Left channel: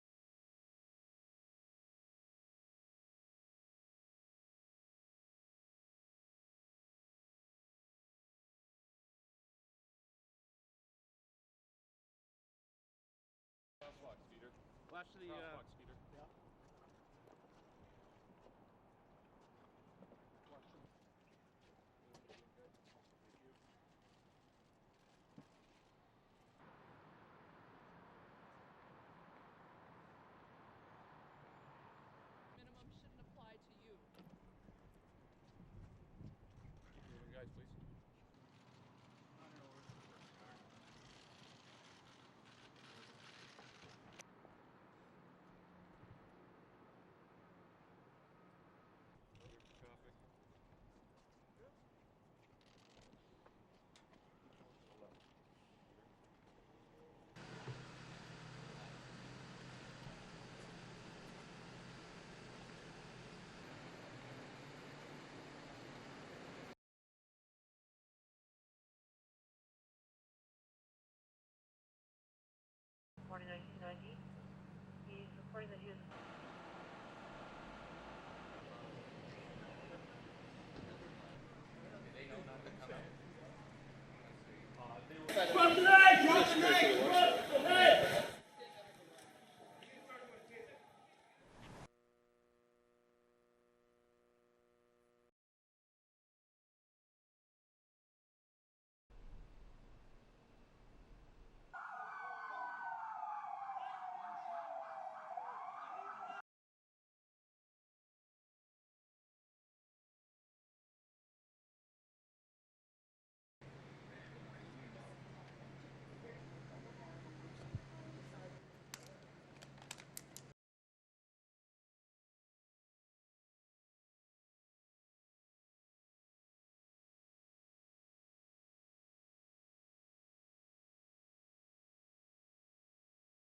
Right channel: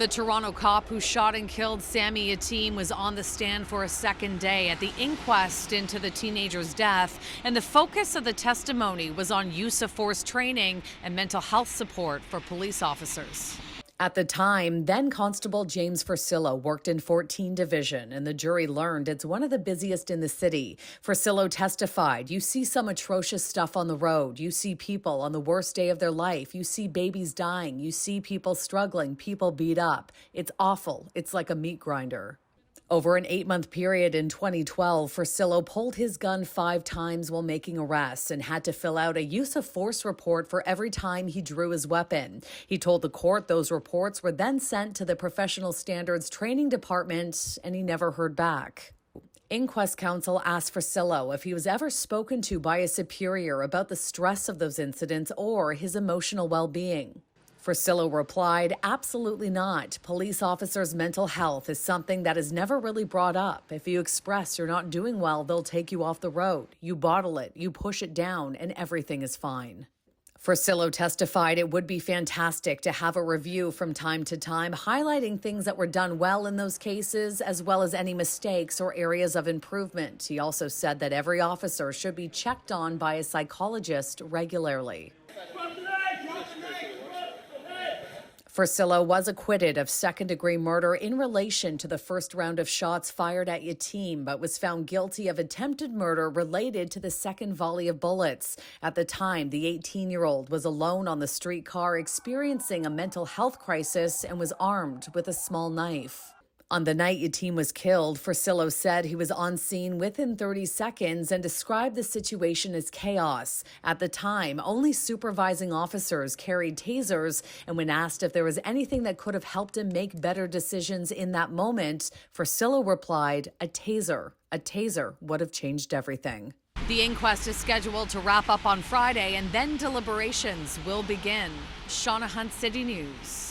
The Toronto cop who shot and killed Sammy Yatim was on the stand for a second day at the inquest into the teenager's death, and the focus of the testimony was on use of force training and mental health support for police officers. At the time, then Constable James Fursillo worked in 14 Division, and the jury learned it's one of the busiest in the city. Fursillo testified, "You see some atrocious stuff on the road. You see people on the worst day of their life. You see babies dying. You see people struggling, people beat up. It's awful. It's like a meat grinder." Over an 8-month period in 2012, Fursillo pulled his gun 5 times while making arrests and had to fill out a use of force report for every time he drew his weapon. He told the court those reports were then sent to the Professional Standards Training Department, and he never heard back. Inquest counsel asked Fursillo if he was ever spoken to by a superior about the stress of those incidents or his emotional well-being. Fursillo replied, "Absolutely not. Police officers' mental health is something that is never really brought up. If you express you're not doing well, they'll take you off the road. You bottle it, you push it down, and everything is fine." Fursillo testified it would be fantastic to have a review from time to time, highlighting things that were done well in those cases, as well as any mistakes or areas of improvement. He also said that every officer should be checked on by a psychologist regularly. Fursillo was acquitted of second-degree murder in relation to the first round of shots fired at Yatim, but was found guilty of attempted murder related to the second volley of bullets. At the time, the 18-year-old was alone on the streetcar experiencing a mental health crisis and was armed with a small knife. On the night Yatim was killed, Fursillo said he was on scene within 30 seconds and described the situation as chaos. At the time, only supervising officers carried tasers, and when asked if there was anything that could have helped him make better decisions in that moment, Fursillo replied, "A taser. A taser would have changed everything." The inquest is scheduled to wrap up on Friday, and then deliberations will begin. Shauna Hunt, City News.